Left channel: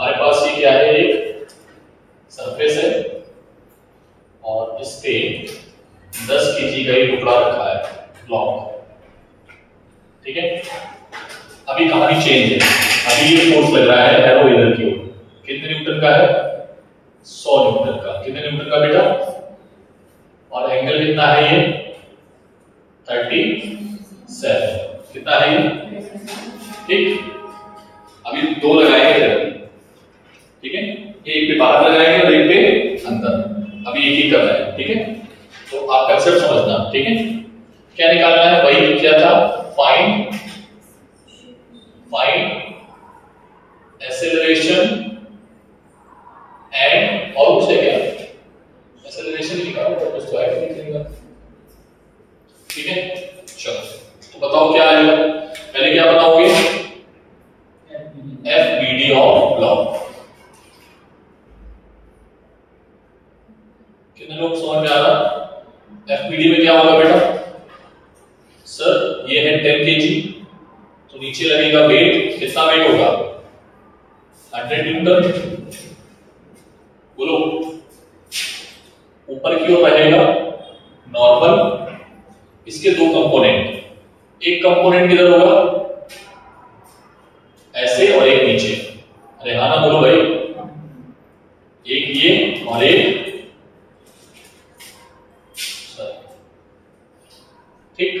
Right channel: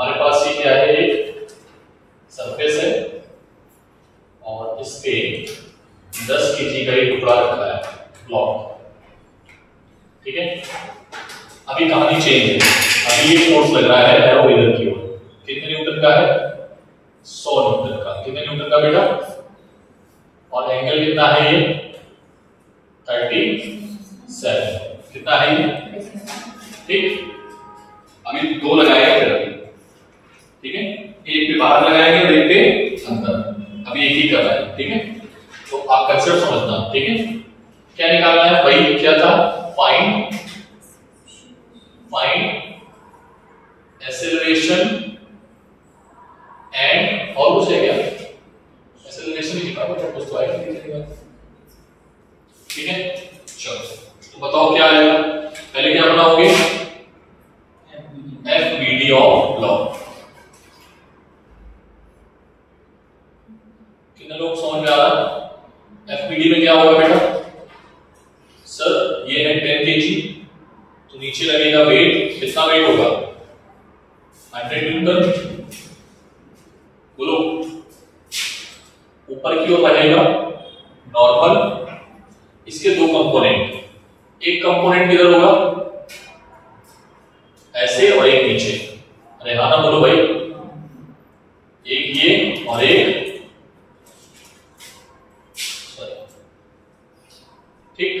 हमारे पास ये क्या है, एक सरफेस है और इस पे 10 kg का एक टुकड़ा रखा है, ब्लॉक, ठीक है। अभी कहानी चेंज है, अभी ये फोर्स लग रहा है एरो इधर की ओर, कितने न्यूटन का है, 100 न्यूटन का। कितने न्यूटन का बेटा, और एंगल कितना है ये, 37, कितना है ये, ठीक। अभी दो लगाएंगे इधर, ठीक है, एक पे बाहर लगाएंगे और एक पे अंदर, अभी एक ही करना है, ठीक है। तो आप कंसेप्ट समझना, ठीक है। क्या निकालना है, वही क्या था, फाइंड एक्सेलरेशन एंड, और कुछ है क्या, एक्सेलरेशन ही निकालो, और कुछ तो आएगा नहीं, ठीक है। चलो तो बताओ क्या आएगा, पहले क्या बनाओगे, FBD ऑफ ब्लॉक। कितने लोग समझ में आ रहा, FBD में क्या होगा बेटा, सर ये है 10 kg, तो नीचे लगेगा वेट, कितना वेट होगा, 100 न्यूटन, बोलो। ऊपर की ओर रहेगा नॉर्मल, इसके दो कंपोनेंट, एक कंपोनेंट किधर होगा, ऐसे, और एक नीचे, अरे हाँ ना बोलो भाई, एक ये और एक, ठीक।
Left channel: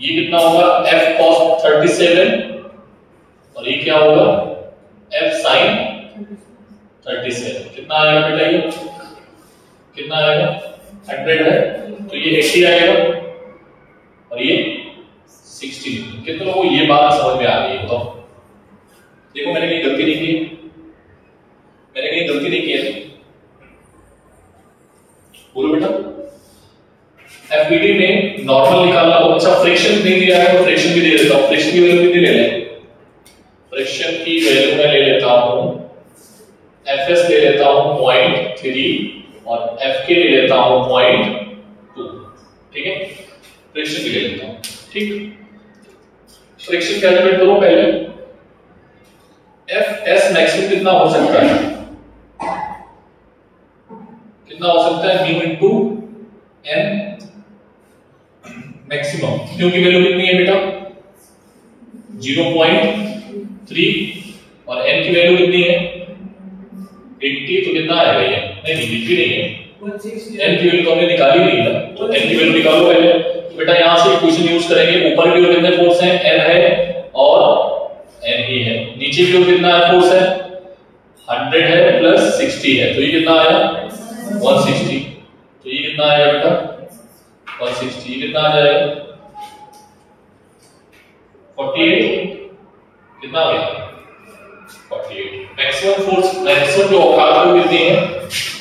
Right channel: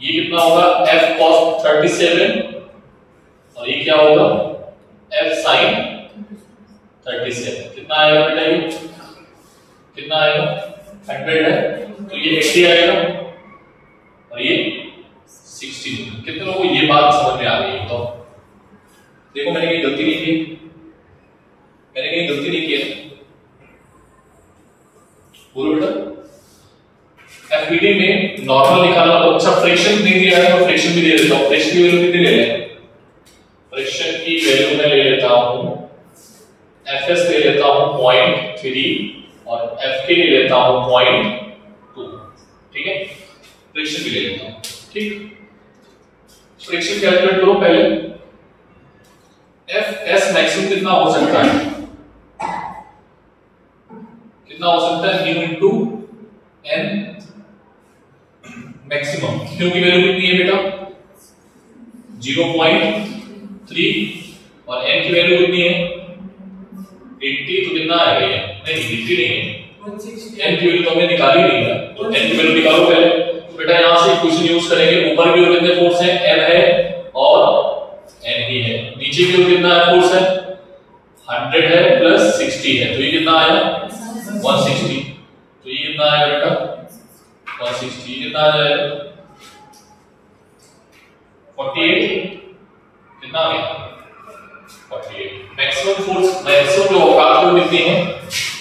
ये कितना होगा, F cos 37, और ये क्या होगा, F sin 37, कितना आएगा बेटा, ये कितना आएगा, 100 है, तो ये 80 आएगा, और ये 60। कितने लोगों को ये बात समझ में आ गई है, तो देखो मैंने कहीं गलती नहीं की, मैंने कहीं गलती नहीं की है, बोलो बेटा। FBD में नॉर्मल निकालना, तो अच्छा फ्रिक्शन नहीं दिया है तो फ्रिक्शन भी दे देता हूं, फ्रिक्शन की वैल्यू कितनी ले लें, फ्रिक्शन की वैल्यू मैं ले लेता हूं, Fs ले लेता हूं 0.3 और Fk ले लेता हूं 0.2, ठीक है, फ्रिक्शन भी ले लेता हूं, ठीक। फ्रिक्शन कैलकुलेट करो पहले, Fs मैक्सिमम कितना हो सकता है, कितना हो सकता है, म्यू इनटू n मैक्सिमम, क्यों की वैल्यू कितनी है बेटा, 0.3, और n की वैल्यू कितनी है, 80, तो कितना आएगा ये, नहीं 80 नहीं है, n की वैल्यू तो हमने निकाली नहीं है, तो n की वैल्यू निकालो पहले। तो बेटा यहां से इक्वेशन यूज करेंगे, ऊपर की ओर कितने फोर्स हैं, n है और n ही है, नीचे की ओर कितना है फोर्स है, 100 है प्लस 60 है, तो ये कितना आया, 160, तो ये कितना आएगा बेटा, 160, ये कितना आ जाएगा, 48, कितना आ गया, 48। मैक्सिमम फोर्स, मैक्सिमम जो औकात है कितनी है,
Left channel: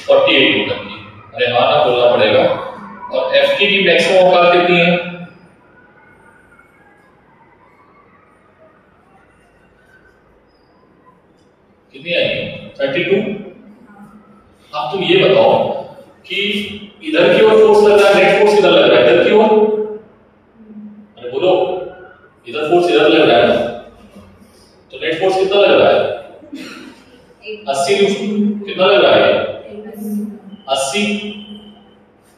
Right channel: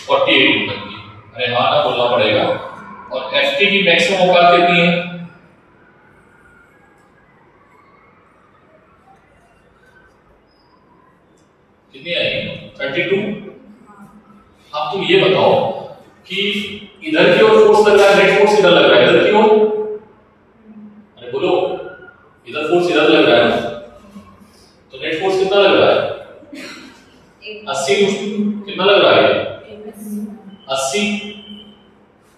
48 न्यूटन की, अरे हाँ ना बोलना पड़ेगा। और Ft की मैक्सिमम औकात कितनी है, कितनी आई, 32। अब तुम ये बताओ कि इधर की ओर फोर्स लग रहा है, नेट फोर्स इधर लग रहा है, इधर की ओर, अरे बोलो, इधर फोर्स इधर लग रहा है ना, तो नेट फोर्स कितना लग रहा है, 80 न्यूटन, कितना लग रहा है, 80।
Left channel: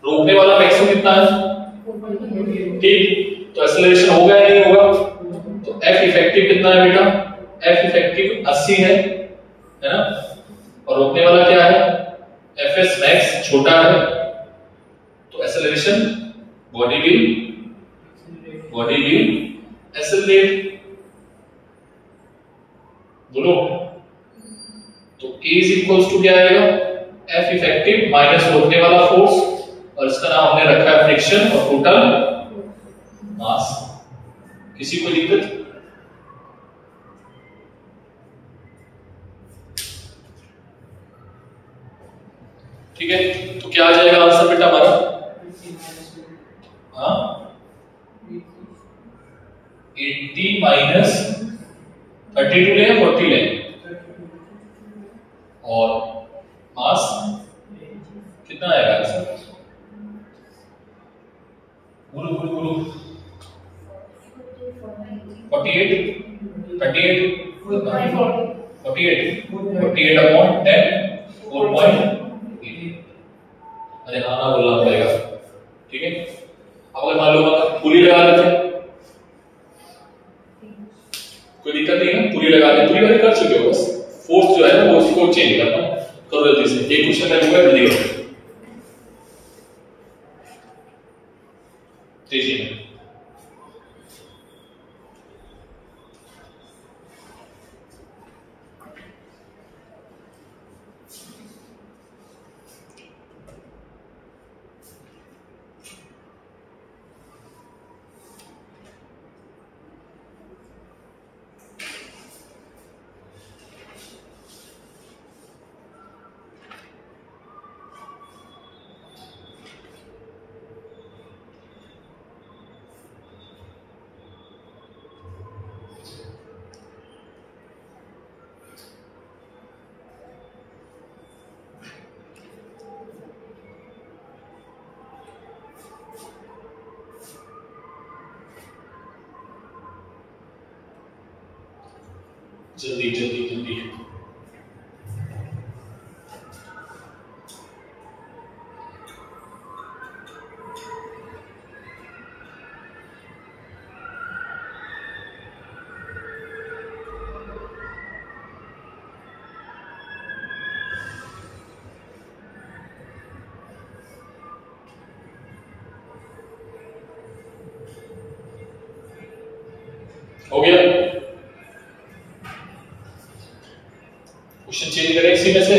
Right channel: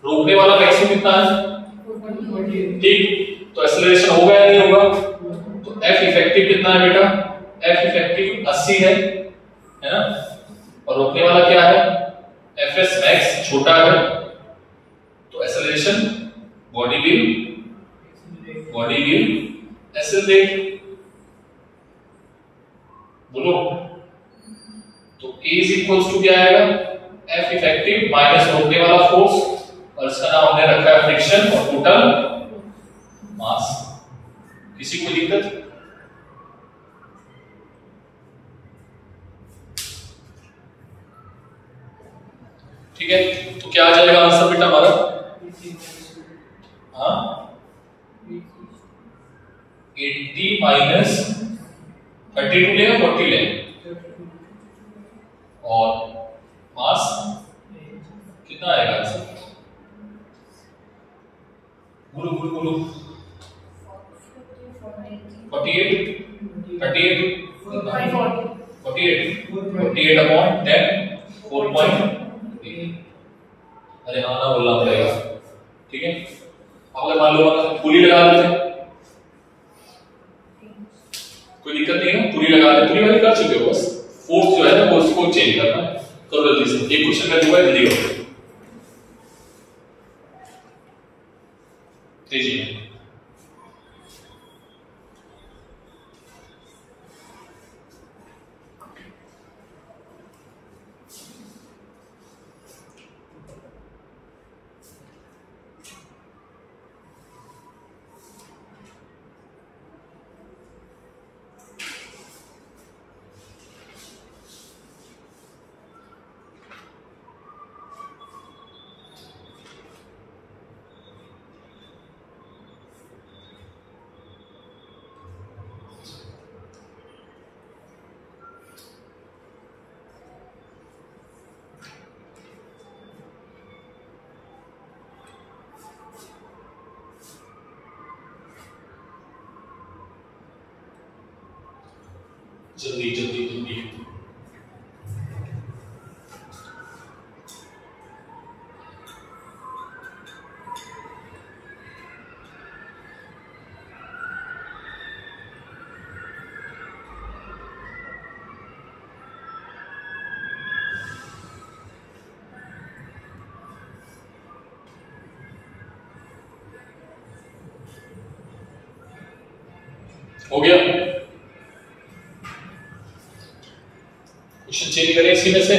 रोकने वाला मैक्सिमम कितना है, ठीक, तो एक्सेलरेशन होगा या नहीं होगा, तो F इफेक्टिव कितना है बेटा, F इफेक्टिव 80 है ना, और रोकने वाला क्या है, Fs मैक्स छोटा है, तो एक्सेलरेशन बॉडी विल एक्सेलरेट, बोलो। तो A इज इक्वल्स टू क्या आएगा, F इफेक्टिव माइनस रोकने वाला फोर्स, और इसका नाम हमने रखा है फ्रिक्शन, और टोटल मास। किसी को दिक्कत, ठीक है। तो क्या आ जाएगा आंसर बेटा हमारा, हाँ 80 माइनस 32 ले 40 ले, और मास कितना आएगा आंसर, बोलो बोलो बोलो, 48 38 48 48 48 अपॉन 10 4.8। अरे हाँ ना बोलना पड़ेगा, ठीक है। अब अगर मान लो पूरी लगा देते, कोई दिक्कत नहीं है, पूरी लगा दे, पूरी वाली कर चुके हो, बस फोर्स जो है ना वो उसको चेंज करना, करो जल्दी से। एक क्वेश्चन का हुआ है, जल्दी करो। जी जल्दी जल्दी जल्दी। हो गया, क्वेश्चन चेंज करें इसी में से।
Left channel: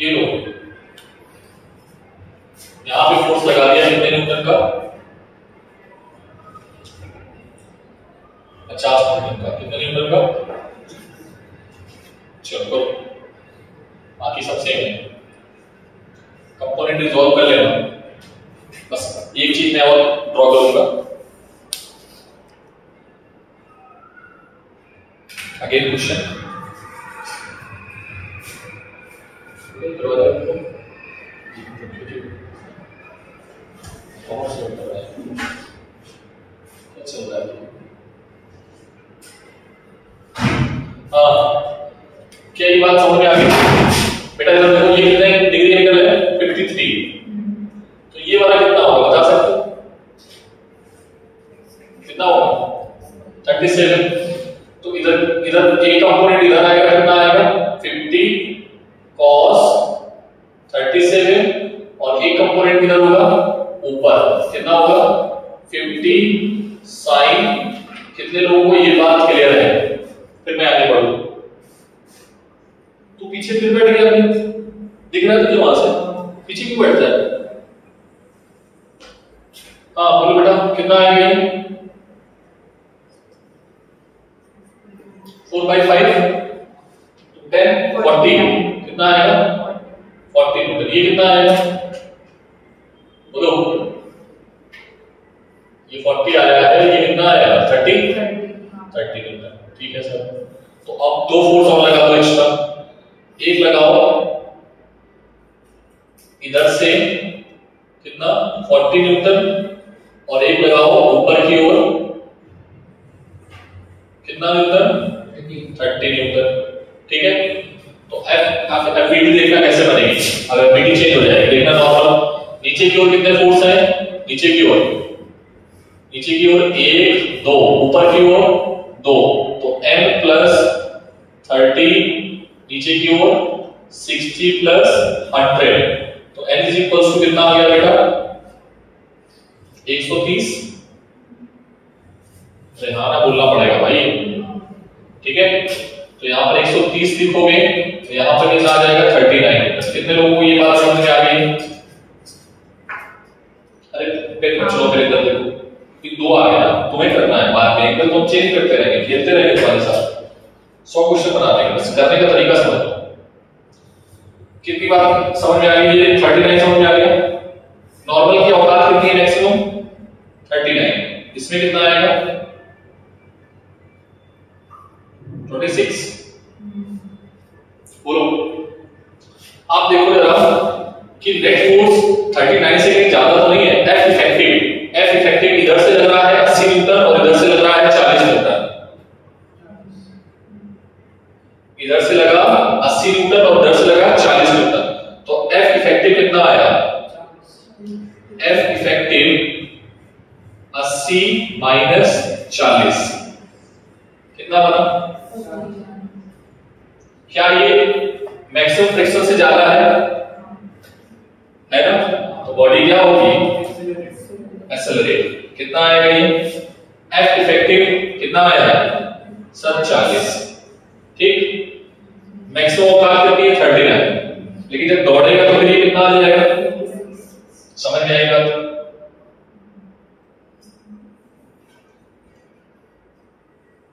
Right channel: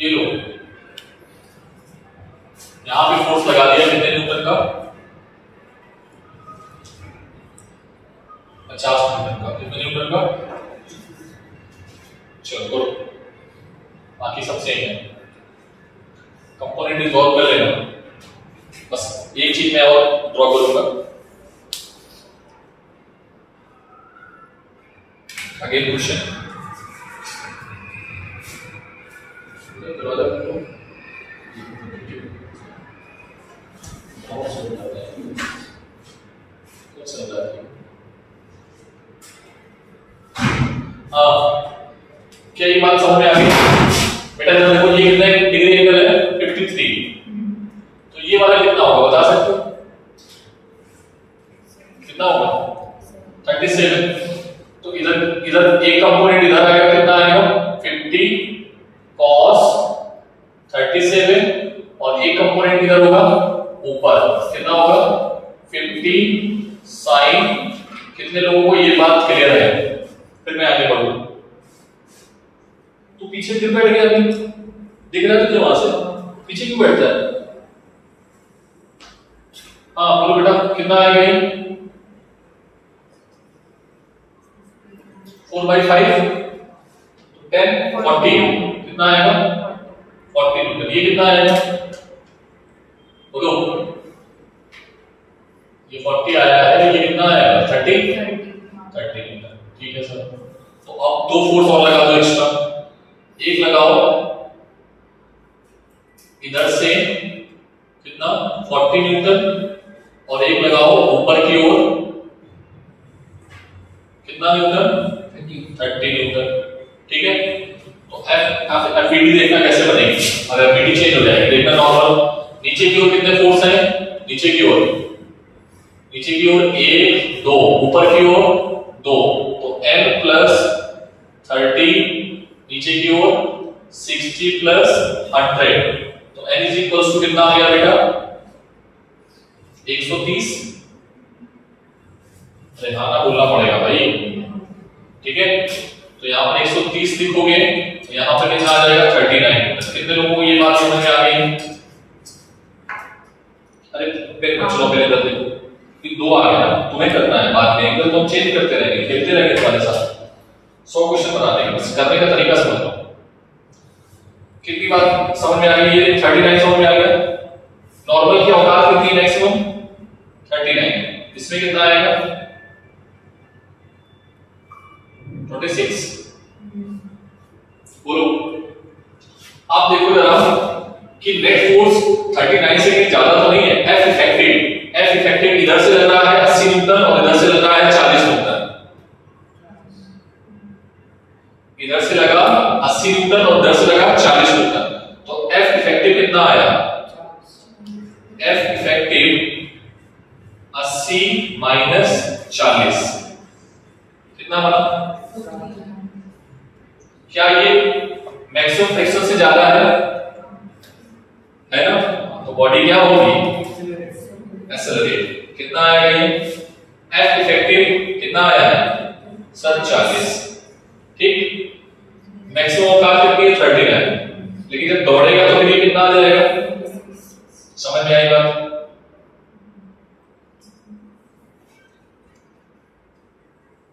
ये लो, यहां पे फोर्स लगा दिया कितने न्यूटन का, 50 न्यूटन का। कितने न्यूटन का? चलो करो, बाकी सब सेम है। कंपोनेंट रिजॉल्व कर लेना, बस एक चीज मैं और ड्रॉ करूंगा। अगेन क्वेश्चन, क्या ये बात समझ में आ गई बेटा? जरा देखो, ये कितना डिग्री एंगल है? 53। तो ये वाला कितना होगा बता सकते हो? कितना होगा? 37। तो इधर इधर एक कंपोनेंट इधर आएगा, कितना आएगा? 50 cos 37, और एक कंपोनेंट इधर होगा ऊपर, कितना होगा? 50 sin। कितने लोगों को ये बात क्लियर है? फिर मैं आगे बढ़ूं। तू पीछे क्यों बैठ गया? अभी दिख रहा है तुझे वहां से? पीछे क्यों बैठता है? हाँ बोलो बेटा, कितना आएगा ये? 4/5 10 40, कितना आएगा? 40 न्यूटन। ये कितना आएगा बोलो? ये 40 आया है, ये कितना आएगा? 30 न्यूटन। ठीक है सर। तो अब दो फोर्स और लगा दो एक्स्ट्रा। एक लगाओ इधर से, कितना? 40 न्यूटन, और एक लगाओ ऊपर की ओर, कितना न्यूटन? 30 न्यूटन। ठीक है। तो एफईडी देखना कैसे बनेगी। अब एफईडी चेंज हो जाएगी, देखना नॉर्मल। नीचे की ओर कितने फोर्स हैं? नीचे की ओर, नीचे की ओर 1 2, ऊपर की ओर 2, तो m प्लस 30, नीचे की ओर 60 प्लस 100, तो n इज इक्वल्स टू कितना आ गया बेटा? 130। रेहाना बोलना पड़ेगा भाई, ठीक है। तो यहाँ पर 130 लिखोगे, तो यहाँ पर कितना आ जाएगा? 39। कितने लोगों को ये बात समझ में आ गई? अरे बच्चों पहले इधर देखो, ये 2 आ गया ना, तुम्हें करना है बाद में, एंगल तो चेंज करते रहेंगे, खेलते रहेंगे तुम्हारे साथ। 100 क्वेश्चन बना देंगे, बस करने का तरीका समझ लो। कितनी बात समझ में आ गई? ये 39 समझ में आ गया। नॉर्मल की औकात कितनी है? मैक्सिमम 39। इसमें कितना आएगा? 26। कि नेट फोर्स 39 से कहीं ज्यादा तो नहीं है। एफ इफेक्टिव इधर से लग रहा है 80 न्यूटन और इधर से लग रहा है 40 न्यूटन। इधर से लगा 80 न्यूटन और इधर से लगा 40 न्यूटन, तो एफ इफेक्टिव कितना आया? एफ इफेक्टिव 80 माइनस 40 कितना बना? क्या ये मैक्सिमम फ्रिक्शन से ज्यादा है ना? तो बॉडी क्या होगी? एक्सेलरेट। कितना आएगा ये? एफ इफेक्टिव कितना आया है? सर 40। ठीक, मैक्सिमम औकात कितनी है? 39। लेकिन जब दौड़ेगा तो फिर ये कितना आ जाएगा? समझ में आई बात?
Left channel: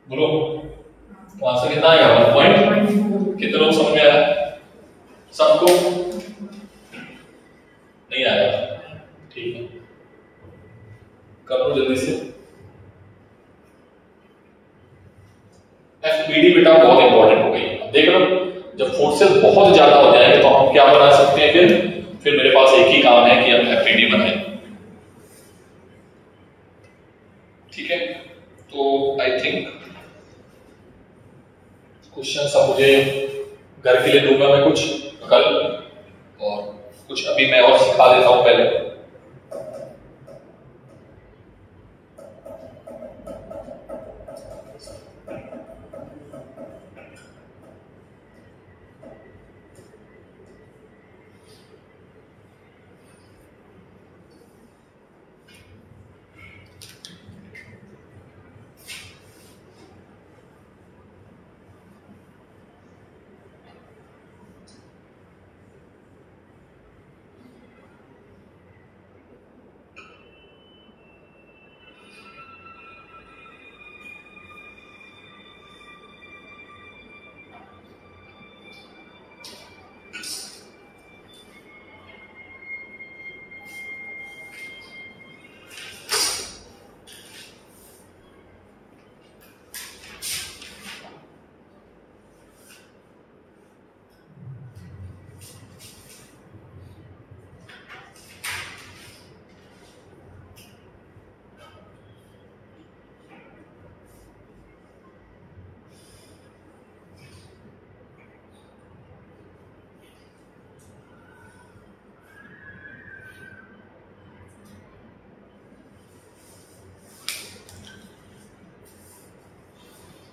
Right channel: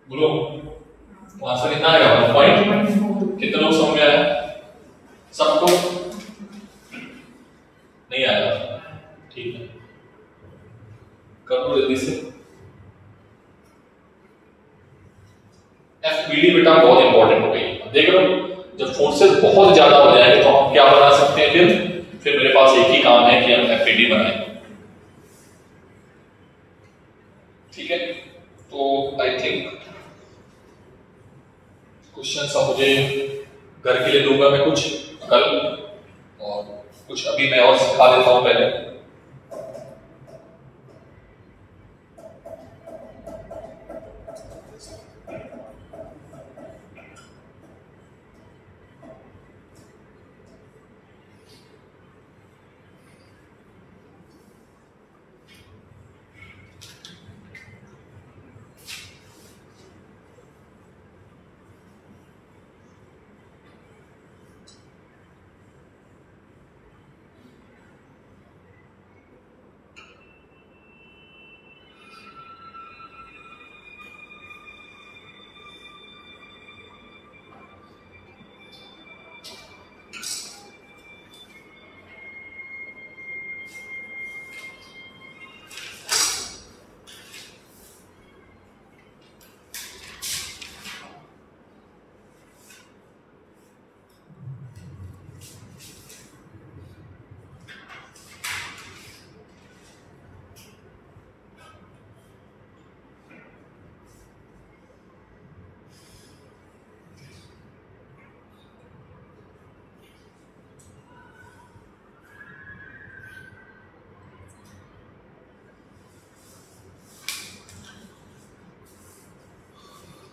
बोलो, तो आंसर कितना आएगा? 1 पॉइंट। कितने लोग समझ में आया? सबको नहीं आया? ठीक है, कर दो जल्दी से। एफपीडी बेटा बहुत इंपॉर्टेंट हो गई। देख लो, जब फोर्सेस बहुत ज्यादा हो जाएंगे तो हम क्या बना सकते हैं? फिर मेरे पास एक ही काम है कि हम एफपीडी बनाएं। ठीक है, तो आई थिंक क्वेश्चन सब मुझे घर के लिए दूंगा मैं कुछ कल, और कुछ अभी मैं और सिखा देता हूं पहले।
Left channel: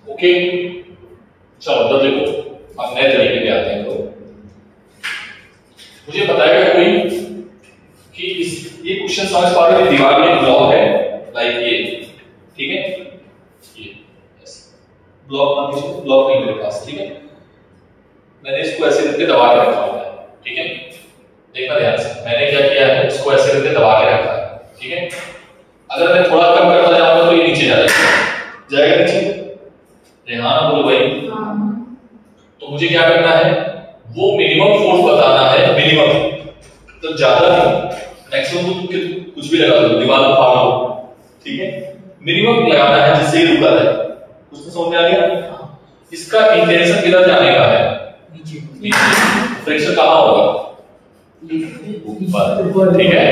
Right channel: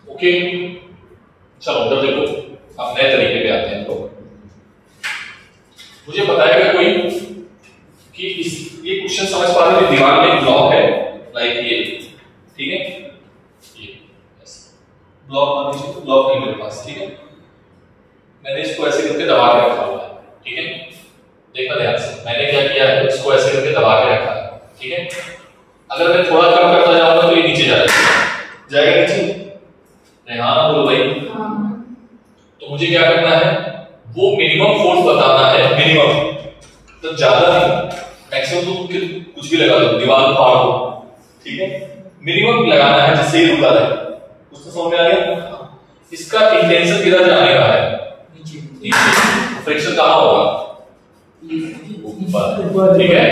ओके, चलो उधर देखो, अब नए तरीके पे आते हैं। तो मुझे बताएगा कोई कि ये क्वेश्चन समझ पा रहे हो? दीवार में एक ब्लॉक है, लाइक ये, ठीक है, ये ब्लॉक नहीं मेरे पास, ठीक है, मैंने इसको ऐसे करके दबा के रखा हुआ है। ठीक है, देखना ध्यान से, मैंने क्या किया है, इसको ऐसे करके दबा के रखा है। ठीक है, अगर मैं थोड़ा कम करता जाऊंगा तो ये नीचे जाएगा नीचे। रेहान बोलो भाई। तो मुझे क्या करना है? वो मिनिमम फोर्स बताना है, मिनिमम, तो ज्यादा नहीं, मैक्सिमम तो कुछ भी लगा दो, दीवार फाड़ दो। ठीक है, मिनिमम लगाना है जिससे रुका है। कुछ तो समझ में आ गया? इसका इंटेंशन किधर जाने का है? नीचे। फ्रिक्शन कहां होगा? ऊपर। ठीक है,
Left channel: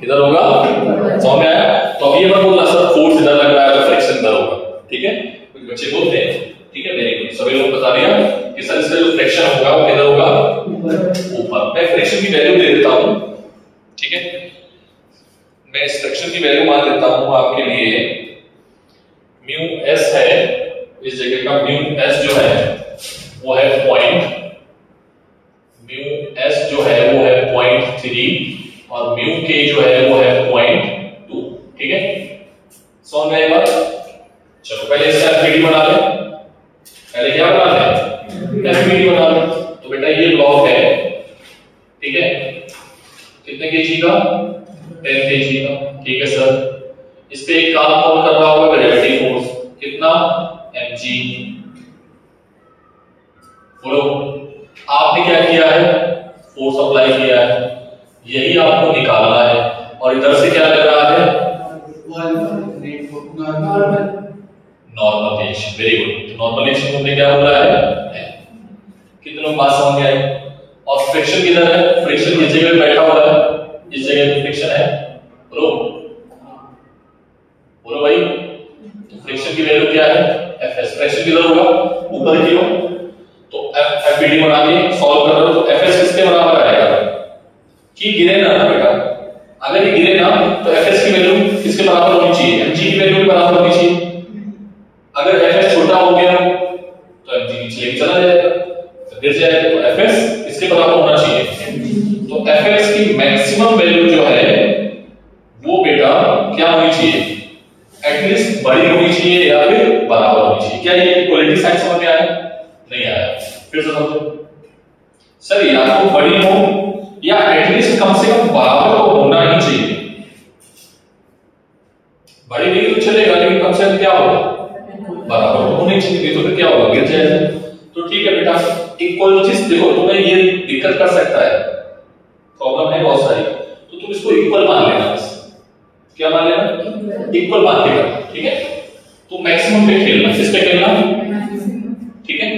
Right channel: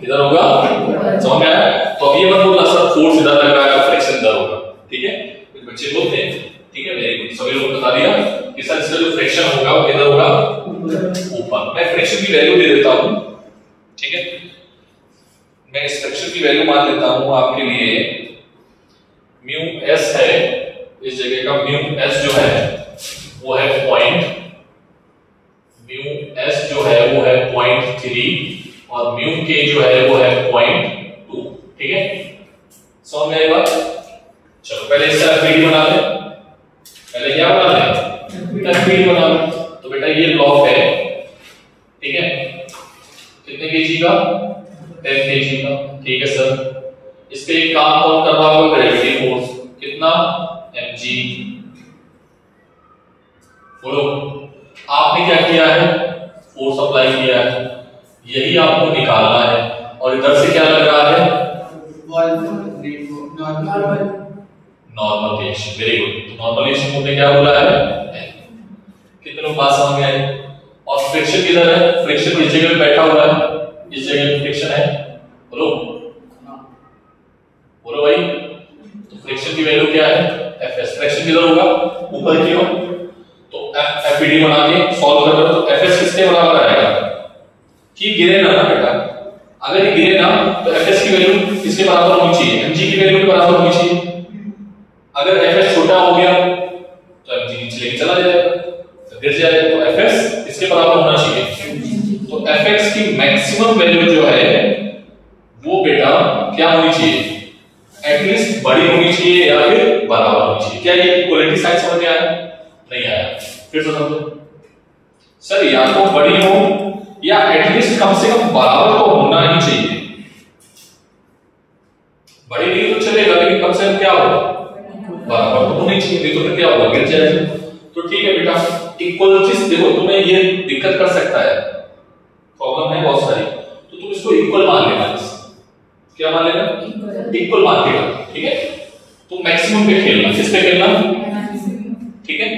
किधर होगा? समझ में आया? तो अब ये मत बोलना सर फोर्स इधर लग रहा है तो फ्रिक्शन इधर होगा। ठीक है, कुछ बच्चे बोलते हैं। ठीक है, वेरी गुड, सभी लोग बता दिया कि सर इसका जो फ्रिक्शन होगा वो किधर होगा? ऊपर। मैं फ्रिक्शन की वैल्यू दे देता हूं। ठीक है, मैं इस फ्रिक्शन की वैल्यू मान देता हूं आपके लिए, म्यू एस है, इस जगह का म्यू एस जो है वो है पॉइंट, म्यू एस जो है वो है 0.3 और म्यू के जो है वो है 0.2। ठीक है, समझ में आई बात? चलो पहले इसका एफपीडी बना ले। पहले क्या बना ले? एफपीडी बना ले। तो बेटा ये ब्लॉक है, ठीक है, कितने केजी का? 10 केजी का। ठीक है सर, इस पे एक काम कौन कर रहा होगा? Gravity force. कितना? mg। बोलो, आपने क्या किया है? फोर्स अप्लाई किया है, यही आपको निकालना है। और इधर से क्या लग रहा है? Normal age. Very good, normal age में क्या हो रहा है? कितने लोग बात समझ में आई? और फ्रिक्शन किधर है? फ्रिक्शन इस जगह बैठा हुआ है, इस जगह पे फ्रिक्शन है। बोलो बोलो भाई। तो फ्रिक्शन की वैल्यू क्या है? Fs। फ्रिक्शन किधर होगा? ऊपर की ओर। तो FPD बना के सॉल्व कर रहे हो तो Fs किसके बराबर आएगा? कि गिरे ना बेटा, अगर ये गिरे ना तो Fs की वैल्यू किसके बराबर होनी चाहिए? mg की वैल्यू के बराबर होनी चाहिए। अगर Fs छोटा हो गया तो mg नीचे लेके चला जाएगा, तो गिर जाएगा। तो Fs किसके बराबर होना चाहिए? तो Fx की मैक्सिमम वैल्यू जो है वो बेटा क्या होनी चाहिए? एटलीस्ट बड़ी होनी चाहिए या फिर बराबर होनी चाहिए। क्या ये इक्वलिटी साइन समझ में आया? नहीं आया? फिर से समझो सर, या तो बड़ी हो या एटलीस्ट कम से कम बराबर तो होना ही चाहिए। बड़ी नहीं तो चलेगा, लेकिन कम से कम क्या होगा? बराबर तो होनी चाहिए, नहीं तो फिर क्या होगा? गिर जाएगा। तो ठीक है बेटा, इक्वल चीज देखो, तुम्हें ये दिक्कत कर सकता है, प्रॉब्लम है बहुत सारी, तो तुम इसको इक्वल मान लेना। बस क्या मान लेना? इक्वल मान लेना। ठीक है, तो मैक्सिमम पे खेलना। किस पे खेलना? ठीक है,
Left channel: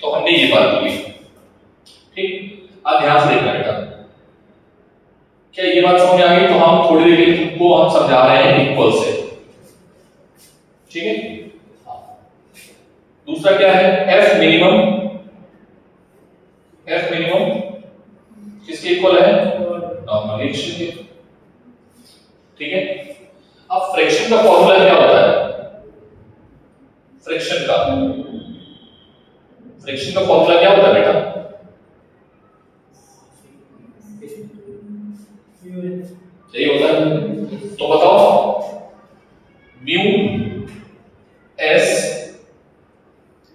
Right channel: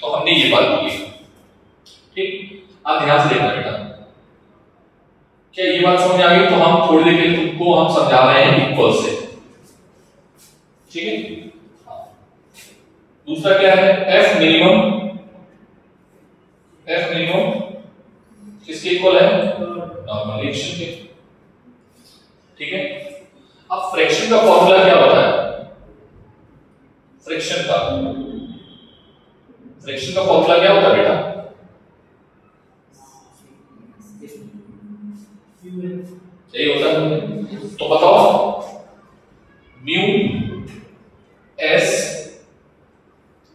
तो हमने ये बात की। ठीक, अब ध्यान से देखना बेटा, क्या ये बात समझ आ गई? तो हम थोड़ी देर के लिए तुमको हम समझा रहे हैं इक्वल से। ठीक है, दूसरा क्या है? F minimum. F मिनिमम किसके इक्वल है? नॉर्मल रिएक्शन के। ठीक है, अब फ्रैक्शन का फॉर्मूला क्या होता है? फ्रैक्शन का फॉर्मूला क्या होता है बेटा? यही होता है। तो बताओ, म्यू एस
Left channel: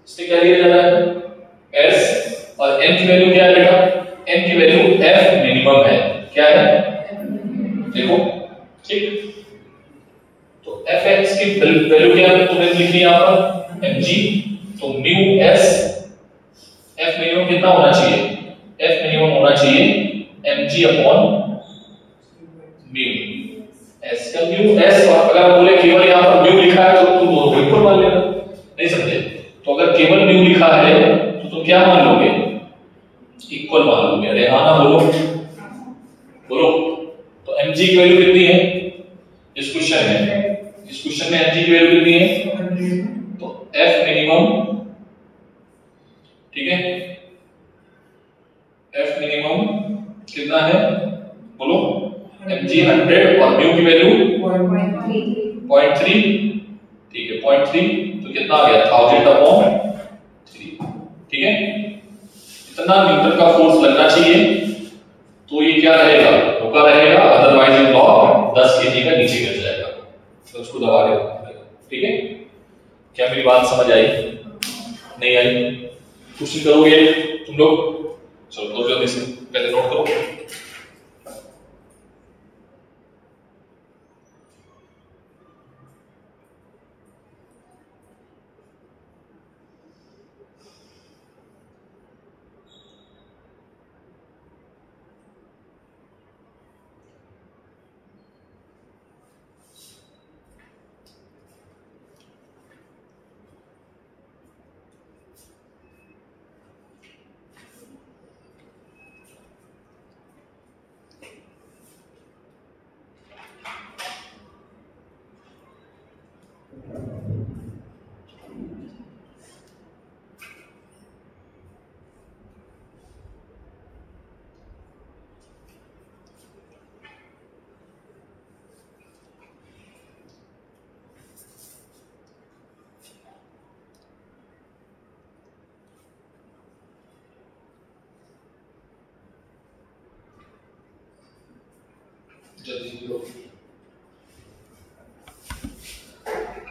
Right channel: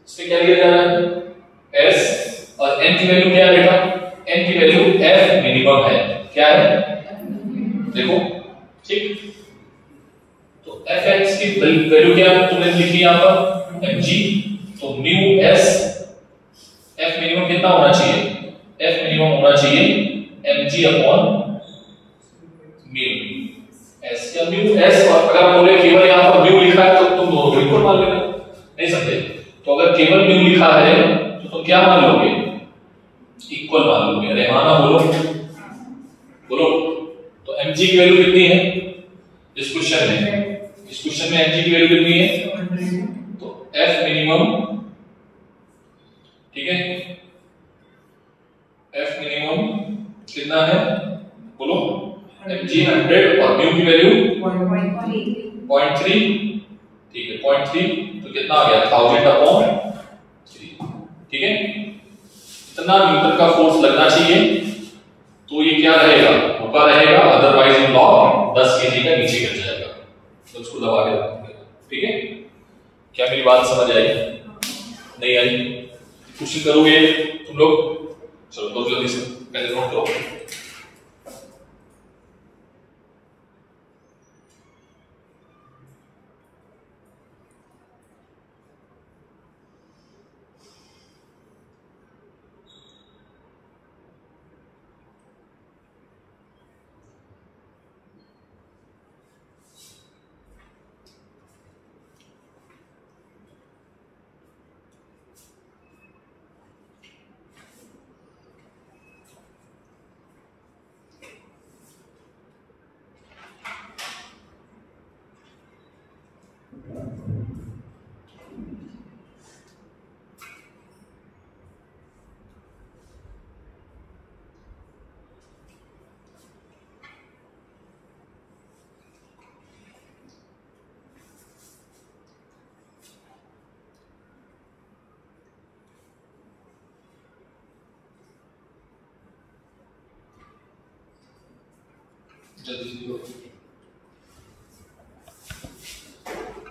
इससे क्या लिया जाता है? एस, और एन की वैल्यू क्या है बेटा? एन की वैल्यू एफ मिनिमम है। क्या है? देखो, ठीक, तो एफ एक्स की वैल्यू क्या है? तुमने लिखी यहां पर mg। तो म्यू एस एफ मिनिमम कितना होना चाहिए? एफ मिनिमम होना चाहिए mg अपॉन म्यू एस का म्यू एस। और अगर हम बोले केवल यहां पर म्यू लिखा है तो तुम दोनों को इक्वल मान लेना। नहीं समझे? तो अगर केवल म्यू लिखा है तो तुम क्या मान लोगे? इक्वल मान लोगे। अरे हाँ ना, बोलो बोलो। तो mg की वैल्यू कितनी है इस क्वेश्चन में? इस क्वेश्चन में mg की वैल्यू कितनी है? तो f मिनिमम, ठीक है, f मिनिमम कितना है? बोलो। mg 100 और म्यू की वैल्यू 0.3। ठीक है, 0.3 तो कितना आ गया? 1000 अपॉन 3। ठीक है, इतना न्यूटन का फोर्स लगना चाहिए। तो ये क्या रहेगा? ऊपर रहेगा, अदरवाइज ये ब्लॉक 10 kg का नीचे गिर जाएगा। तो उसको दबा के रखना पड़ेगा। ठीक है, क्या मेरी बात समझ आई? नहीं आई? क्वेश्चन करोगे तुम लोग? चलो तो जल्दी से पहले नोट करो।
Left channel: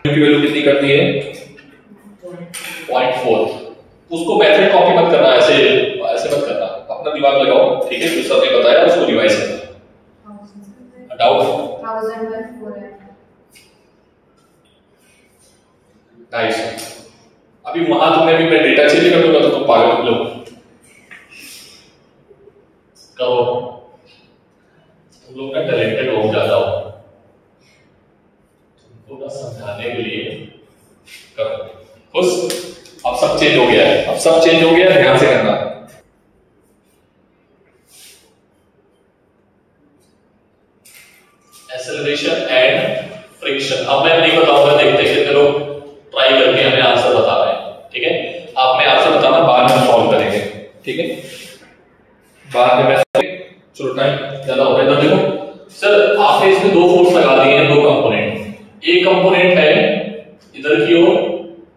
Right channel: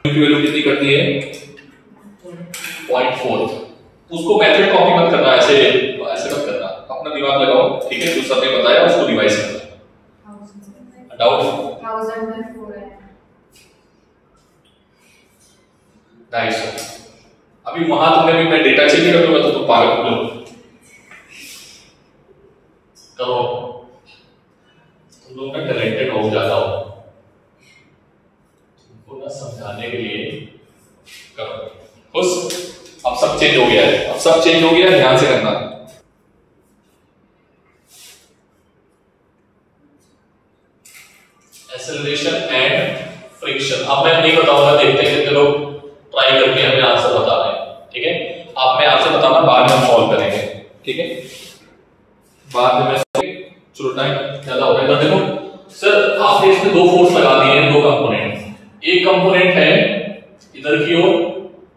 की वैल्यू कितनी करती है? 0.4। उसको मेथड कॉपी मत करना, ऐसे ऐसे मत करना, अपना दिमाग लगाओ। ठीक है, जो सर ने बताया उसको रिवाइज करना। डाउट? 1000 में 4 है 250। अभी वहां तुमने भी मैं डेटा चेक कर दूंगा तो तुम पागल हो करो। तुम लोग ना टैलेंटेड हो जाता हो, तुमको ना समझाने के लिए करो। खुश? अब सब चेंज हो गया है, अब सब चेंज हो गया है, ध्यान से करना। हमें आपसे बताना, बाद में हम सॉल्व करेंगे, ठीक है? बाद में चलो टाइम ज्यादा हो गया। इधर देखो सर, आपने इसमें दो फोर्स लगा दिए हैं, दो कंपोनेंट। एक कंपोनेंट है इधर की ओर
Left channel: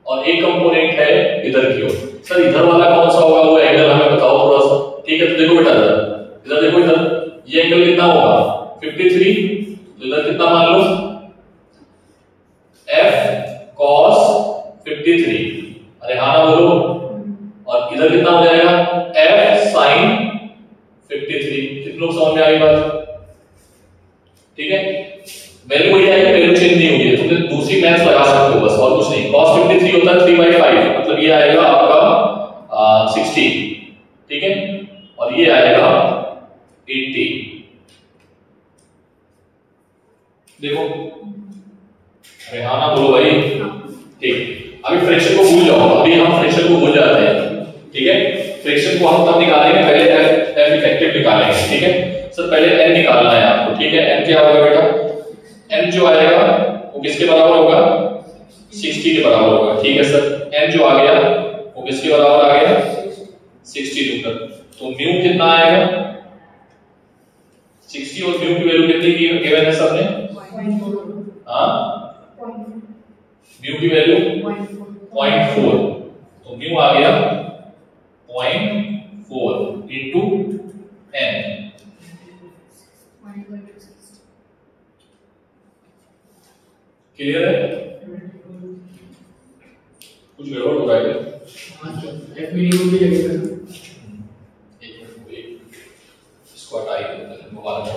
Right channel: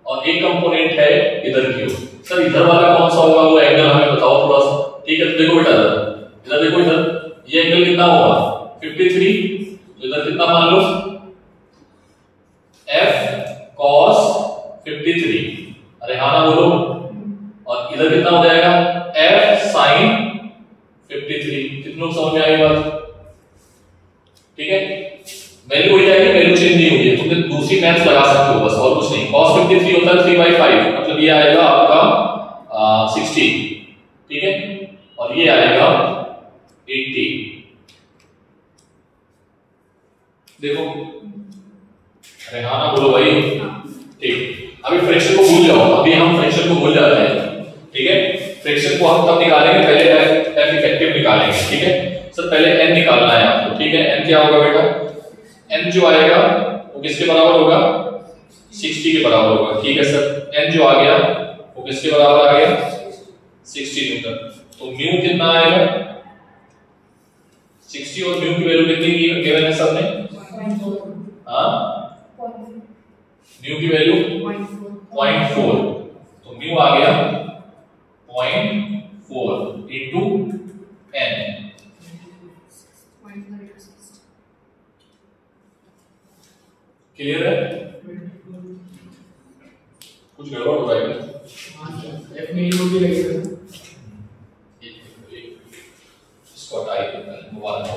और एक कंपोनेंट है इधर की ओर। सर इधर वाला कौन सा होगा, वो एंगल हमें बताओ थोड़ा सा, ठीक है? तो देखो बेटा इधर देखो, इधर ये एंगल कितना होगा 53, तो इधर कितना मान लो f cos 53, अरे हाँ ना बोलो, और इधर कितना हो जाएगा f sin 53। कितने लोग समझ में आई बात? ठीक है, वैल्यू वही आएगी, वैल्यू चेंज नहीं होगी, तुमने दूसरी मैथ्स लगा सकते हो बस, और कुछ नहीं। cos 53 होता है 3/5, मतलब ये आएगा आपका 60, ठीक है? और ये आएगा 80। देखो, अरे हाँ ना बोलो भाई, ठीक। अभी फ्रैक्शन को भूल जाओ, अभी हम फ्रैक्शन को भूल जाते हैं, ठीक है? फ्रैक्शन को हम तब निकालेंगे, पहले एफ इफेक्टिव निकालेंगे, ठीक है? सर पहले एन निकालना है आपको, ठीक है? एन क्या होगा बेटा? एन जो आएगा वो किसके बराबर होगा? 60 के बराबर होगा, ठीक है सर? एन जो आ गया वो किसके बराबर आ गया? 60 न्यूटन। तो म्यू कितना आएगा? 60 और म्यू की वैल्यू कितनी गिवन है सर ने? हाँ, म्यू की वैल्यू 0.4, तो म्यू आ गया 0.4 इंटू एन। क्लियर है? कुछ गड़बड़ हो रहा है? एफ मिनिमम भी लगेगा। इसको हटा ही देते हैं, मोबाइल में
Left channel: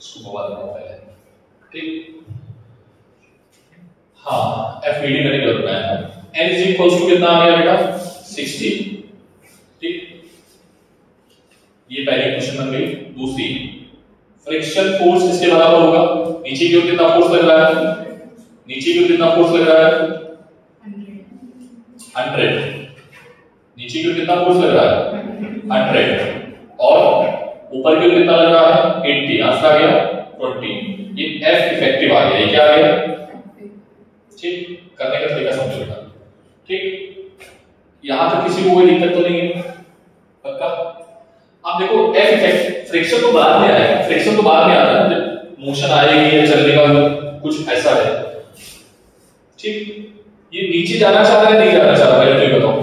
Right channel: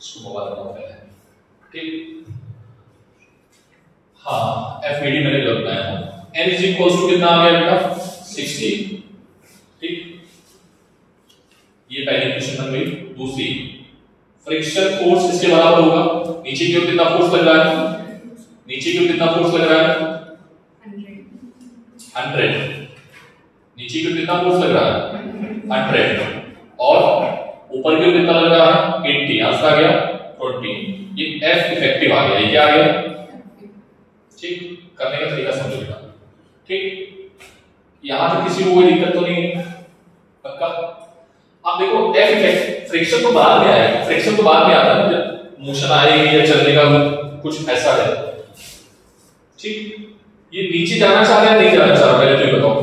इसको मोबाइल में पहले, ठीक? हाँ, एफ मीडी मैंने कर बनाया है। n इज इक्वल्स टू कितना आ गया बेटा? 60, ठीक? ये पहली क्वेश्चन बन गई। दूसरी, फ्रिक्शन फोर्स किसके बराबर होगा? नीचे की ओर कितना फोर्स लग रहा है? नीचे की ओर कितना फोर्स लग रहा है? 100। नीचे की ओर कितना फोर्स लग रहा है? 100। और ऊपर की ओर कितना लग रहा है? 80। आंसर आ गया 20। ये एफ इफेक्टिव आ गया। ये क्या आ गया? ठीक, करने का तरीका समझो बेटा, ठीक? यहां तक किसी को कोई दिक्कत तो नहीं है? पक्का? आप देखो एफ इफेक्ट, फ्रिक्शन तो बाद में आएगा, फ्रिक्शन तो बाद में आता है जब मोशन आएगी या चलने का कुछ ऐसा है, ठीक? ये नीचे जाना चाह रहा है, नहीं जाना चाह रहा, पहले तो ये बताओ।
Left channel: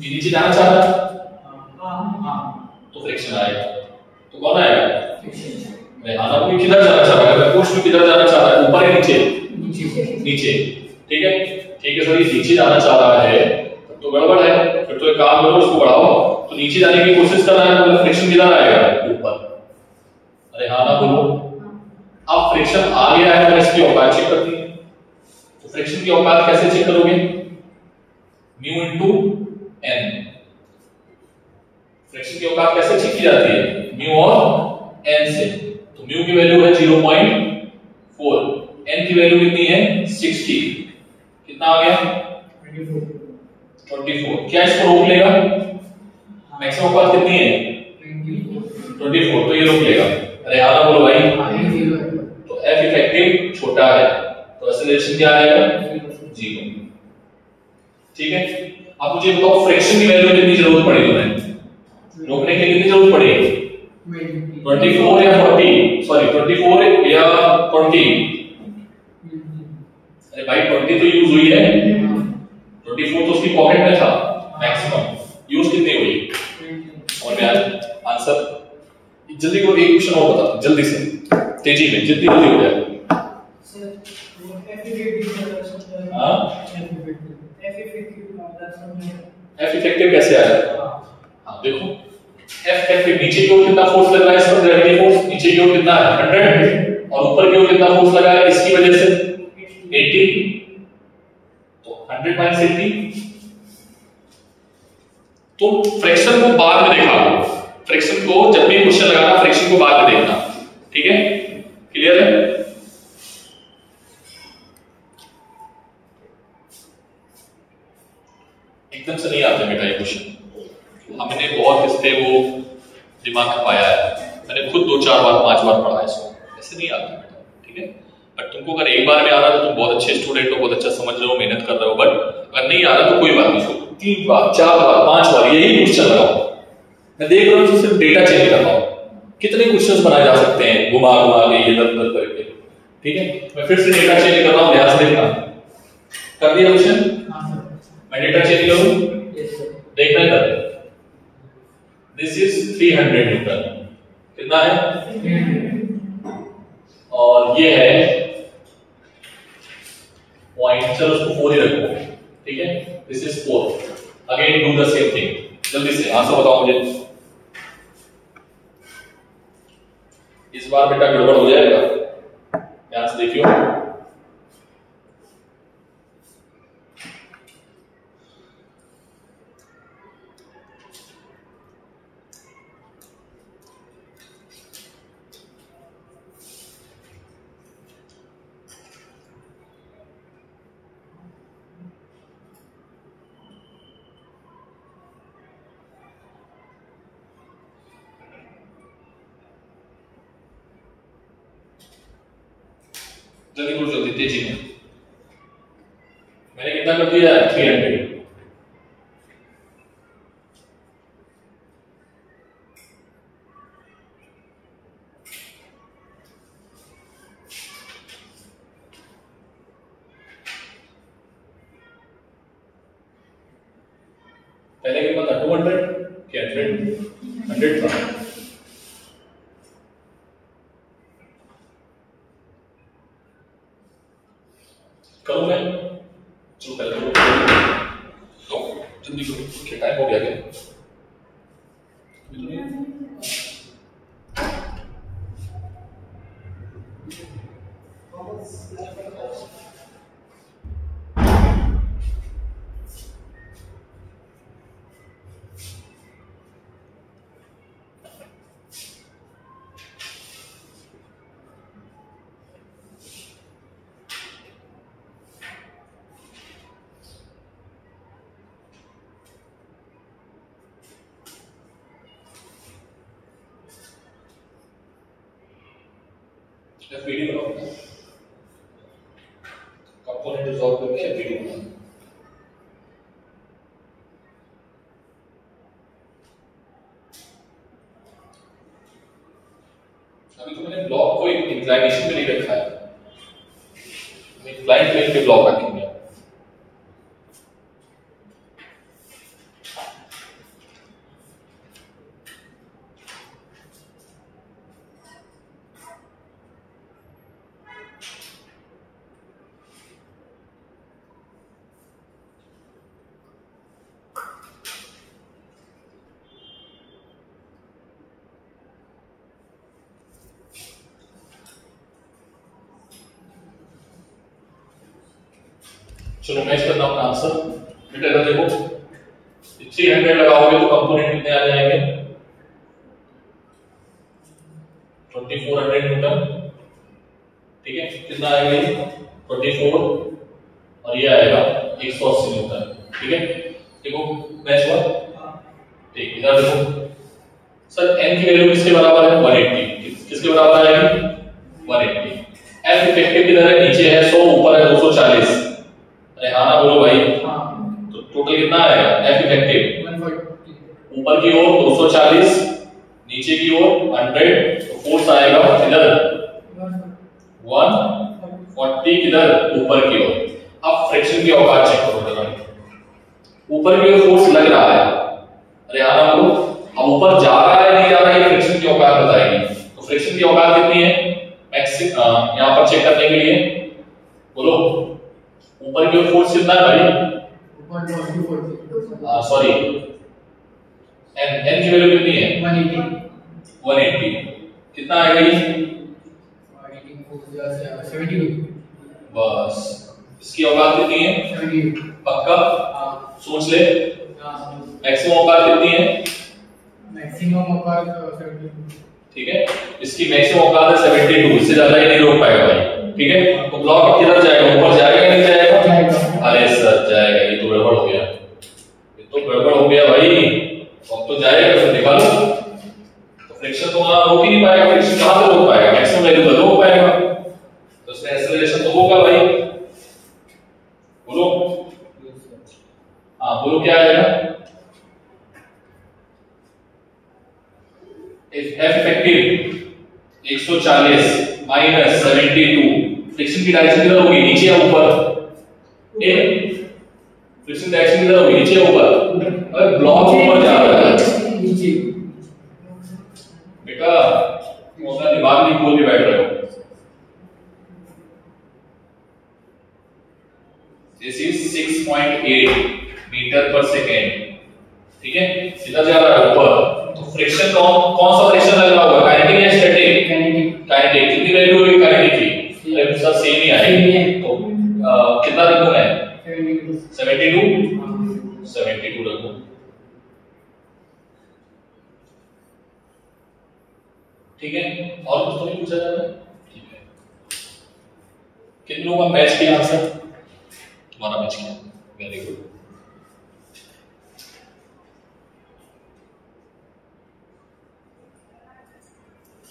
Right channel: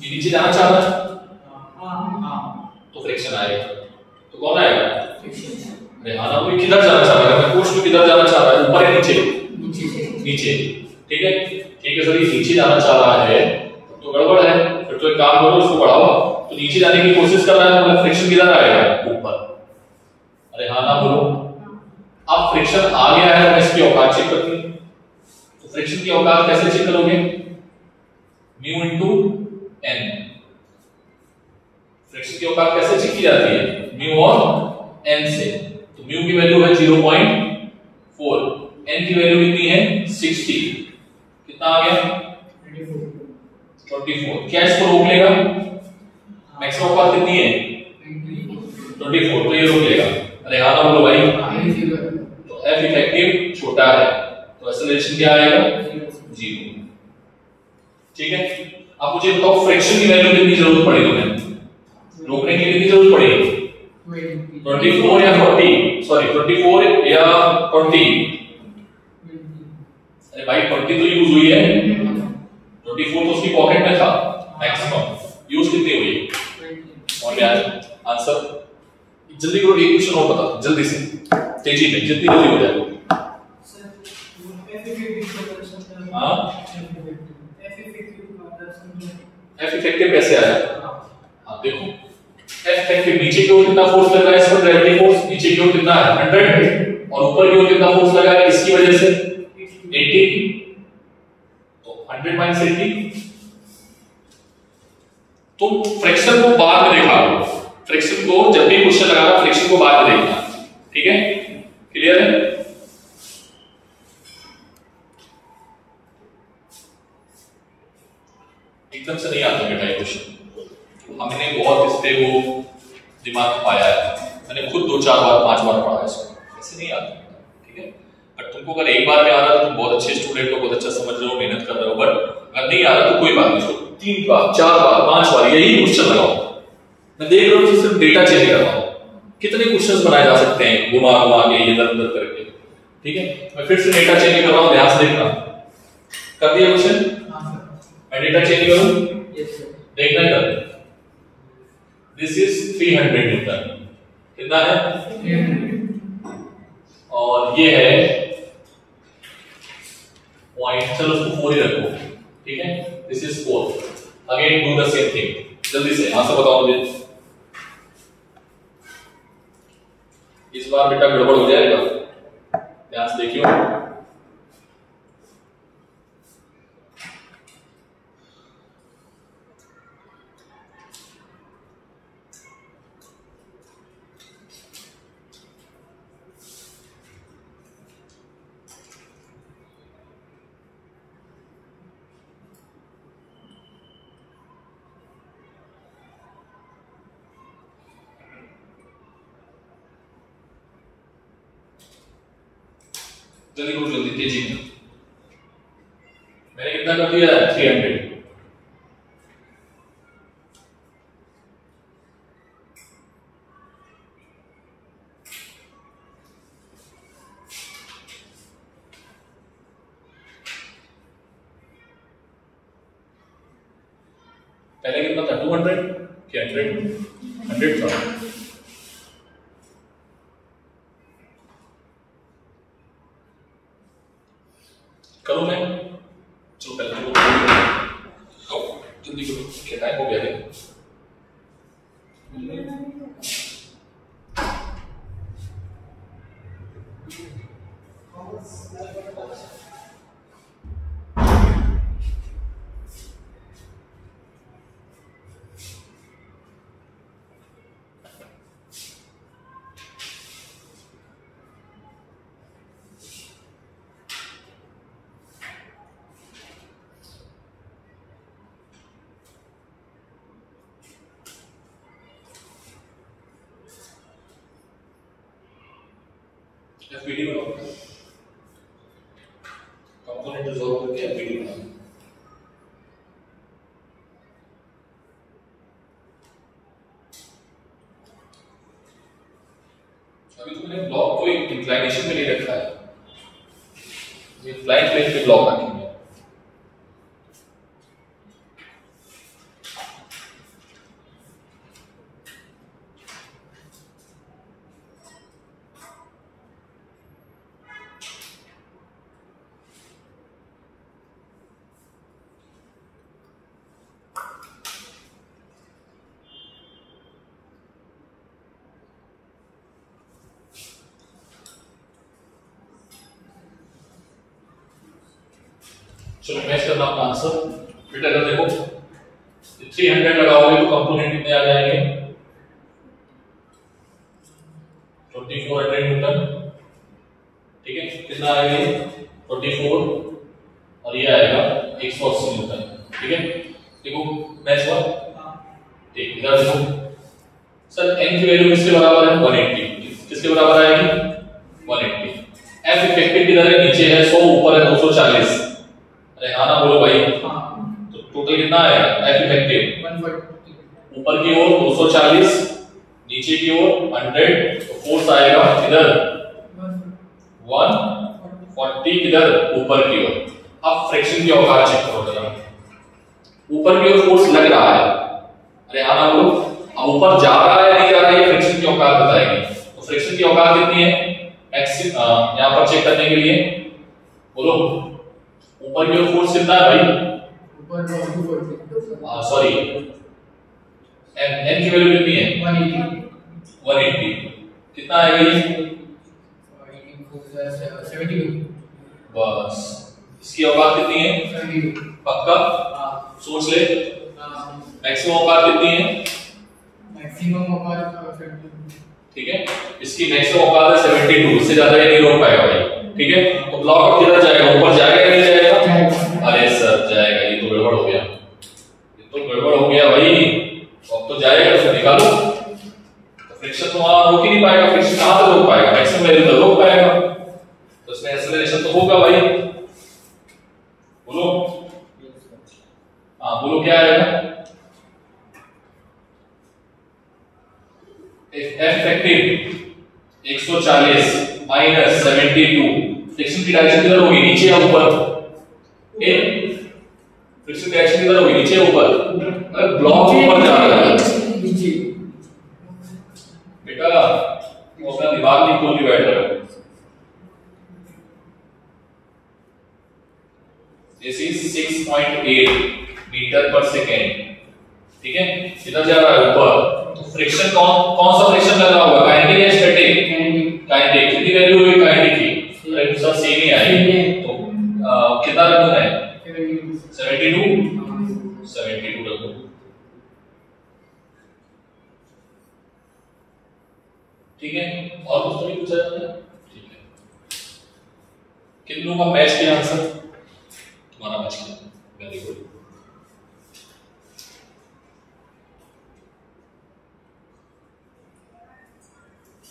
ये नीचे जाना चाह रहा है, तो फ्रिक्शन आएगा। तो कौन आएगा? फ्रिक्शन। आना कोई किधर जाना चाह रहा है? पुश किधर जाना चाह रहा है? ऊपर या नीचे? नीचे, ठीक है? ठीक है सर, ये नीचे जाना चाह रहा है तो गड़बड़ है, फिर तो एक काम करो, इसको बढ़ाओ। तो नीचे जाने की कोशिश कर रहा है, मतलब फ्रिक्शन किधर आएगा? ऊपर। अरे हाँ ना बोलो। अब फ्रिक्शन आ गया है, तो इसकी औकात चेक करनी है। तो फ्रिक्शन की औकात कैसे चेक करोगे? Mu into an. फ्रिक्शन की औकात कैसे चेक की जाती है? म्यू और एन से। तो म्यू की वैल्यू है 0.4, एन की वैल्यू कितनी है? 60। कितना आ गया? 24। क्या इसको रोक लेगा? मैक्सिमम औकात कितनी है? 24, तो ये रोक लेगा। अरे हाँ ना बोलो भाई। तो एफ इफेक्टिव छोटा है, तो एक्सेलरेशन क्या आएगा? 0। ठीक है? अब मुझे बताओ फ्रिक्शन की वैल्यू कितनी जरूरत पड़ेगी? तुम्हें रोकने के लिए कितनी जरूरत पड़ेगी? 24 या 40, सॉरी 24 या 20। अरे भाई 20 तो यूज हुई है, 24 तो उसकी पॉकेट में था। मैक्सिमम यूज कितनी हुई? और क्या आंसर? जल्दी करो, एक क्वेश्चन और बता जल्दी से, तेजी में, जितनी जल्दी हो जाए। हाँ, एफ इफेक्टिव कैसे आया? हाँ देखो, एफ इफेक्टिव नीचे की ओर कितना फोर्स लग रहा है? इस पर ग्रेविटी फोर्स नीचे की ओर कितना है? 100। और ऊपर की ओर कितना फोर्स लगा है इसकी वजह से? 80। तो 100 माइनस 80। तो फ्रिक्शन को बाद में देखना, फ्रिक्शन को जब भी क्वेश्चन लगाना फ्रिक्शन को बाद में देखना, ठीक है? क्लियर है? एकदम से नहीं आते बेटा ये क्वेश्चन, हमने बहुत इस पे वो दिमाग पाया है, मैंने खुद 2-4 बार 5 बार पढ़ा है इसको, ऐसे नहीं आता बेटा, ठीक है? बट अगर एक बार में आ रहा है तो तुम बहुत अच्छे स्टूडेंट हो, बहुत अच्छा समझ रहे हो, मेहनत कर रहे हो, बट अगर नहीं आ रहा तो कोई बात नहीं, उसको 3 बार 4 बार 5 बार यही क्वेश्चन लगाओ। मैं देख रहा हूँ सिर्फ डेटा चेंज कर रहा हूँ, कितने क्वेश्चंस बनाए जा सकते हैं घुमा घुमा के इधर उधर करके। ठीक है, मैं फिर से डेटा चेंज कर रहा हूँ, ध्यान से देखना। कर दिया क्वेश्चन? मैं डेटा चेंज करूँ? देखना ही कर। दिस इज 300 न्यूटन, कितना है? 300। और ये है पॉइंट, चलो उसको 4 ही रखो। ठीक है, this is 4। Again do the same thing, जल्दी से आंसर बताओ मुझे। इस बार बेटा गड़बड़ हो जाएगा, ध्यान से देखियो। जल्दी करो, जल्दी तेजी में। मैंने कितना कर दिया? 300। पहले कितना था? 200 कि 100 था। करूं मैं? चलो पहले तो जल्दी करो, क्या टाइम हो गया क्या? एफबीडी बनाओ, कंपोनेंट रिजॉल्व करके एफबीडी बनाओ। अभी तो मैंने ब्लॉक को इंक्लाइनेशन में नहीं रखा है, इंक्लाइन प्लेन पे ब्लॉक रखेंगे। चलो मैच करना अपना आंसर। बेटा इधर देखो, 300 लगाओगे तो कंपोनेंट कितने आ जाएंगे? 2400 न्यूटन। ठीक है, कितना आएगा? 24 और ये आएगा 180 न्यूटन। ठीक है, देखो मैच हुआ। ठीक, इधर देखो सर, n की वैल्यू किसके बराबर है? 180। किसके बराबर आएगी? 180। f इफेक्टिव किधर है? नीचे है 100, ऊपर है 240। अरे हाँ ना बोलो भाई। तो टोटल कितना आएगा? एफ इफेक्टिव 140, ऊपर की ओर 240, नीचे की ओर 100, तो फोर्स आएगा किधर? 140 किधर? ऊपर की ओर। अब फ्रिक्शन की औकात चेक करो जरा, ऊपर की ओर फोर्स लग रहा है। अरे हाँ ना बोलो। अब ऊपर जा रहा है नहीं जा रहा है, ये फ्रिक्शन की औकात बताएगी। तो फ्रिक्शन की औकात कितनी है मैक्सिमम यहाँ पर चेक करने के लिए? बोलो, ऊपर की ओर फोर्स कितना है भाई? ऊपर 240, सॉरी, n की वैल्यू कितनी है? 180। कितना आएगा ये? 72। बस, इसकी औकात कितनी है? 72 पक्का? सोच ले, मैक्सिमम औकात कितनी है? मैक्सिमम औकात 72। ठीक है, इसकी मैक्सिमम औकात है 72, इससे ज्यादा ये नहीं रोक पाएगा भाई। ठीक है, तो ब्लॉक अब किधर जाएगा? ऊपर जाएगा या नहीं जाएगा? अरे सर जाएगा, ये तो गड़बड़ हो गया, ये तो गड़बड़ हो गया भाई। अब तो जाएगा, तो निकालो। तो फ्रिक्शन तो वहां रोक ही नहीं पाएगा, फ्रिक्शन कहां से रोक पाएगा? मैक्सिमम वैल्यू पर रोक पाएगा। तो इसमें एक्सेलरेशन होगा भाई? बोलो। हाँ बोलो क्या आएगा? Effective 140 minus 72। फ्रिक्शन की डायरेक्शन किधर होगी, नीचे या ऊपर? फ्रिक्शन डायरेक्शन किधर होगी, नीचे या ऊपर? अगर ब्लॉक ऊपर जा रहा है नीचे बेटा वो अपना दिमाग नहीं खोल के बैठ रहे हो। दिस इज 6.8 मीटर पर सेकेंड, ठीक है? इधर जा रहा है ऊपर, तो फ्रिक्शन कौन सा फ्रिक्शन लगा होगा, काइनेटिक या स्टैटिक? काइनेटिक। कितनी वैल्यू होगी काइनेटिक की? अरे सर सेम ही आएगी। तो कितना रखूं मैं? 72 रखूं। ठीक है, और कुछ तो नहीं पूछा जाता है? ठीक है, कितनों का मैच किया आंसर? तुम्हारा मैच किया, वेरी गुड।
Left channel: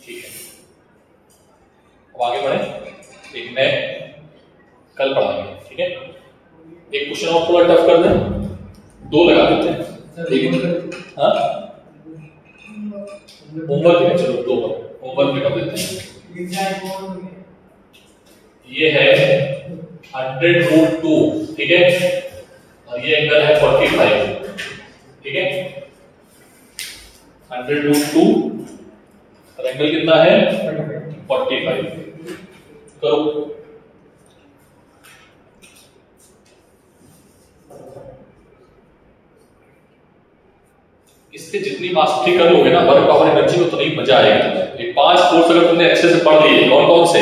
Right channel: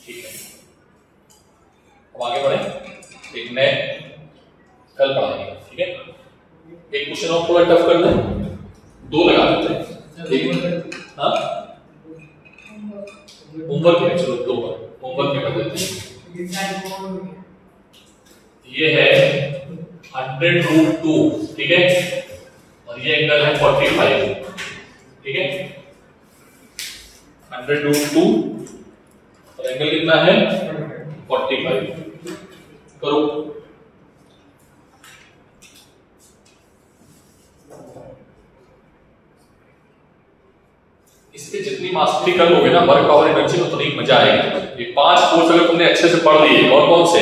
ठीक है, अब आगे बढ़े। एक नए कल पढ़ाएंगे, ठीक है? एक क्वेश्चन और थोड़ा टफ कर दें, दो लगा देते हैं, ठीक है? हाँ होमवर्क है, चलो दो पर होमवर्क में कर देते हैं। ये है 100√2, ठीक है? और ये एंगल है 45, ठीक है? 100√2 और एंगल कितना है 45। करो। इससे जितनी मास्टरी कर लोगे ना वर्क और एनर्जी, तो नहीं मजा आएगा। ये 5 कोर्स अगर तुमने अच्छे से पढ़ लिए, कौन कौन से?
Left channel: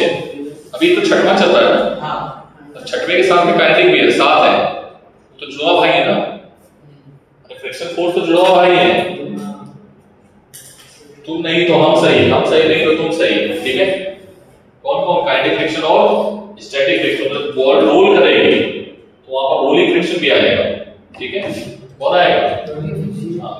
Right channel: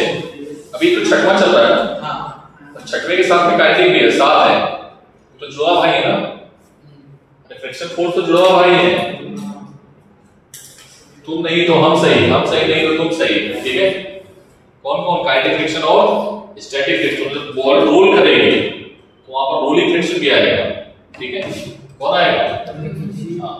अभी तो छठवां चल रहा है ना? हाँ। छठवें के साथ में काइनेटिक भी है, साथ है, तो जुड़ा भाई है ना? फ्रिक्शन फोर्स तो जुड़ा भाई है। तुम नहीं तो हम सही, हम सही नहीं तो तुम सही, ठीक है? कौन कौन? काइनेटिक फ्रिक्शन और स्टैटिक फ्रिक्शन। जब बॉल रोल करेगी तो वहां पर रोलिंग फ्रिक्शन भी आएगा, ठीक है? कौन आएगा? हाँ,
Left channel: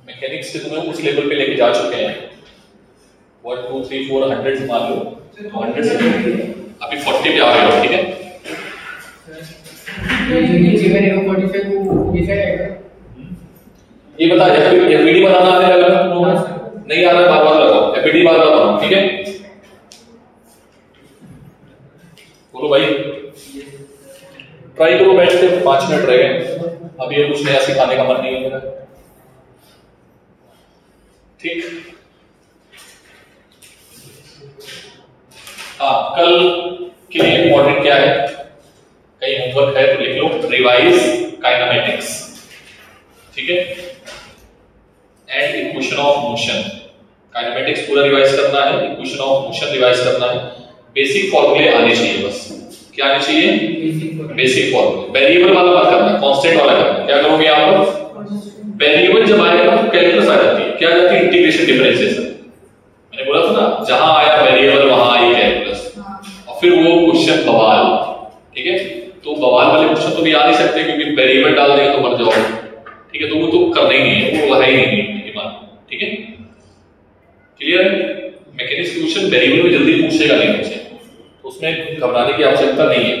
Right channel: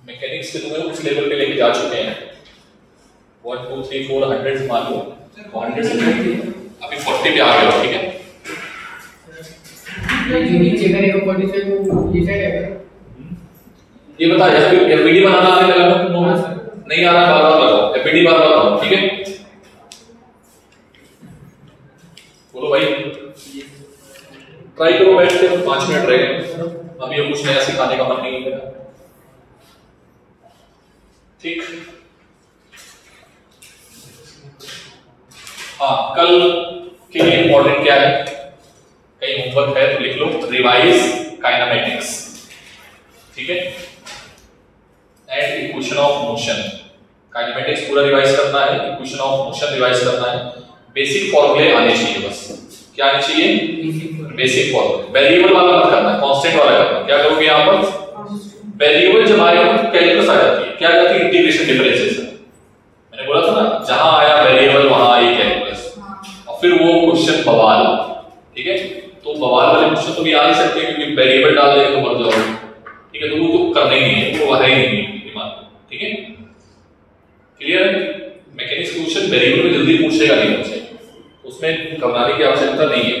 मैकेनिक्स से तुम्हें उस लेवल पे लेके जा चुके हैं। 1 2 3 4 100 मान लो, 100 से अभी 40 पे आ गए हो, ठीक है? नीचे का देखो 45 वो ये है। ये बता, एफबीडी बनाना आने लगा ना तुम लोग? नहीं आ रहा, बार बार लगाओ एफबीडी, बार बार लगाओ, ठीक है? बोलो भाई, ट्राई करो, बैठ के 5 मिनट रह गए, अभी ये कुछ नया सिखाने का मन नहीं है मेरा, ठीक? हाँ, कल के लिए इंपॉर्टेंट क्या है? कहीं होमवर्क है तो लिख लो, रिवाइज काइनेमेटिक्स, ठीक है? And equation of motion. Kinematics पूरा रिवाइज करना है, इक्वेशन ऑफ मोशन रिवाइज करना है, बेसिक फॉर्मूले आने चाहिए बस। क्या आने चाहिए? बेसिक फॉर्मूले। वेरिएबल वाला मत करना, कांस्टेंट वाला करना। क्या करोगे यहां पर? वेरिएबल जब आएगा तो कैलकुलस आ जाती है। क्या आ जाती है? Integration differentiation. मैंने बोला था ना, जहां आया वेरिएबल वहां आई कैलकुलस। और फिर वो क्वेश्चन बवाल, ठीक है? तो बवाल वाले क्वेश्चन तो भी आ नहीं सकते, क्योंकि वेरिएबल डाल देंगे तो मर जाओगे, ठीक है? तो वो तो करना ही नहीं है, वो है ही नहीं ईमान, ठीक है? क्लियर है? मैकेनिक्स क्वेश्चन वेरिएबल में जल्दी पूछेगा नहीं मुझसे, उसमें घबराने की आवश्यकता नहीं है।